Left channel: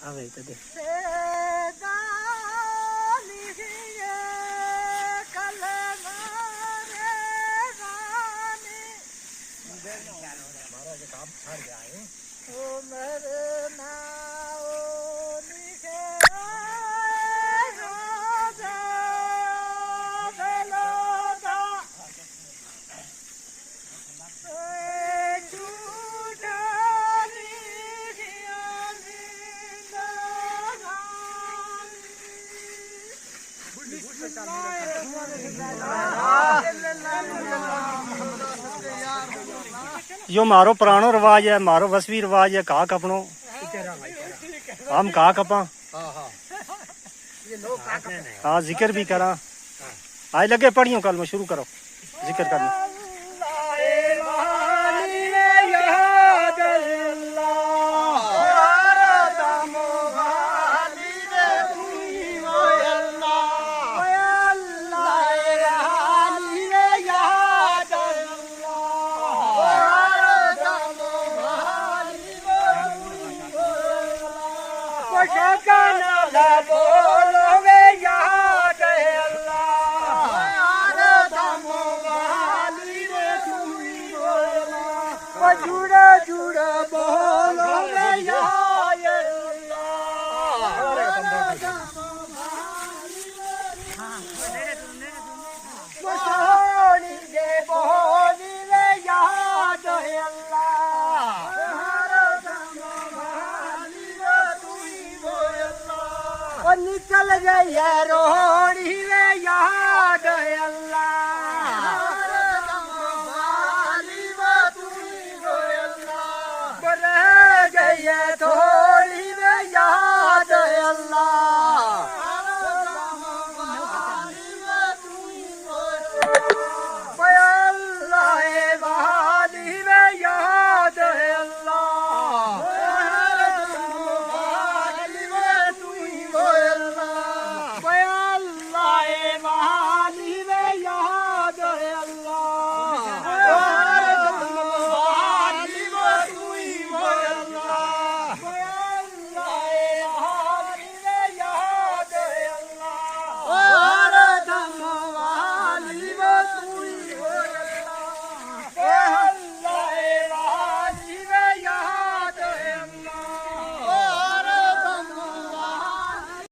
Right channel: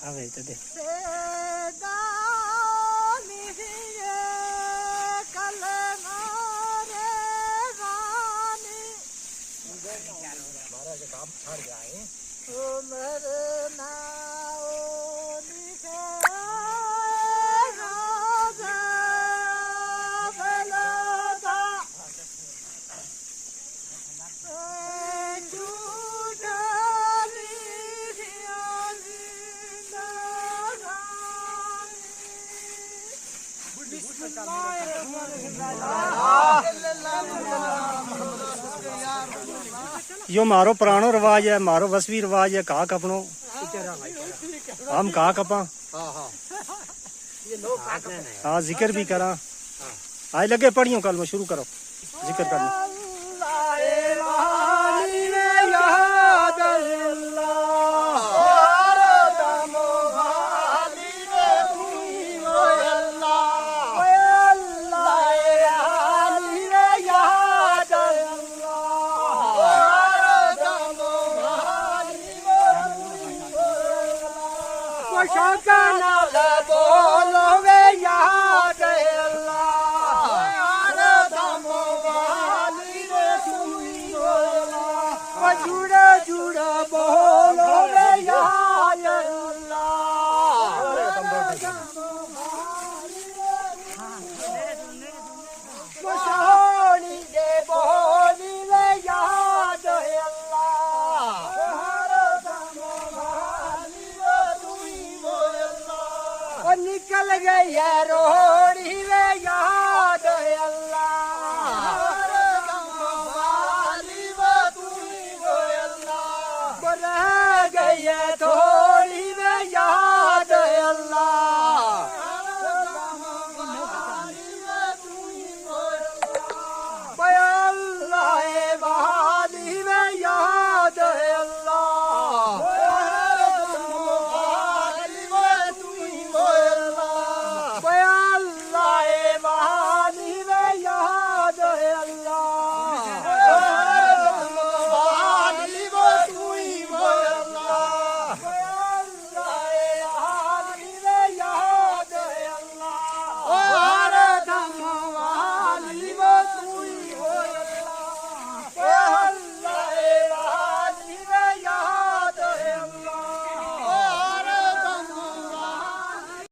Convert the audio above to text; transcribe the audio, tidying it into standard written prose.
आ गई तो दे काम छड़ जाए यो मारो पुरानो रिवाज है, मारो वसवी रिवाज है। कहा कपनो हम कहा कपा हाँ जिक्र भी करा। आज लगे पढ़ियो कल में शुरू करो जिक्र करना। जुड़ा जुड़ा बोलो सोनी दे बोली रे याद है अल्लाह निकल गई है रो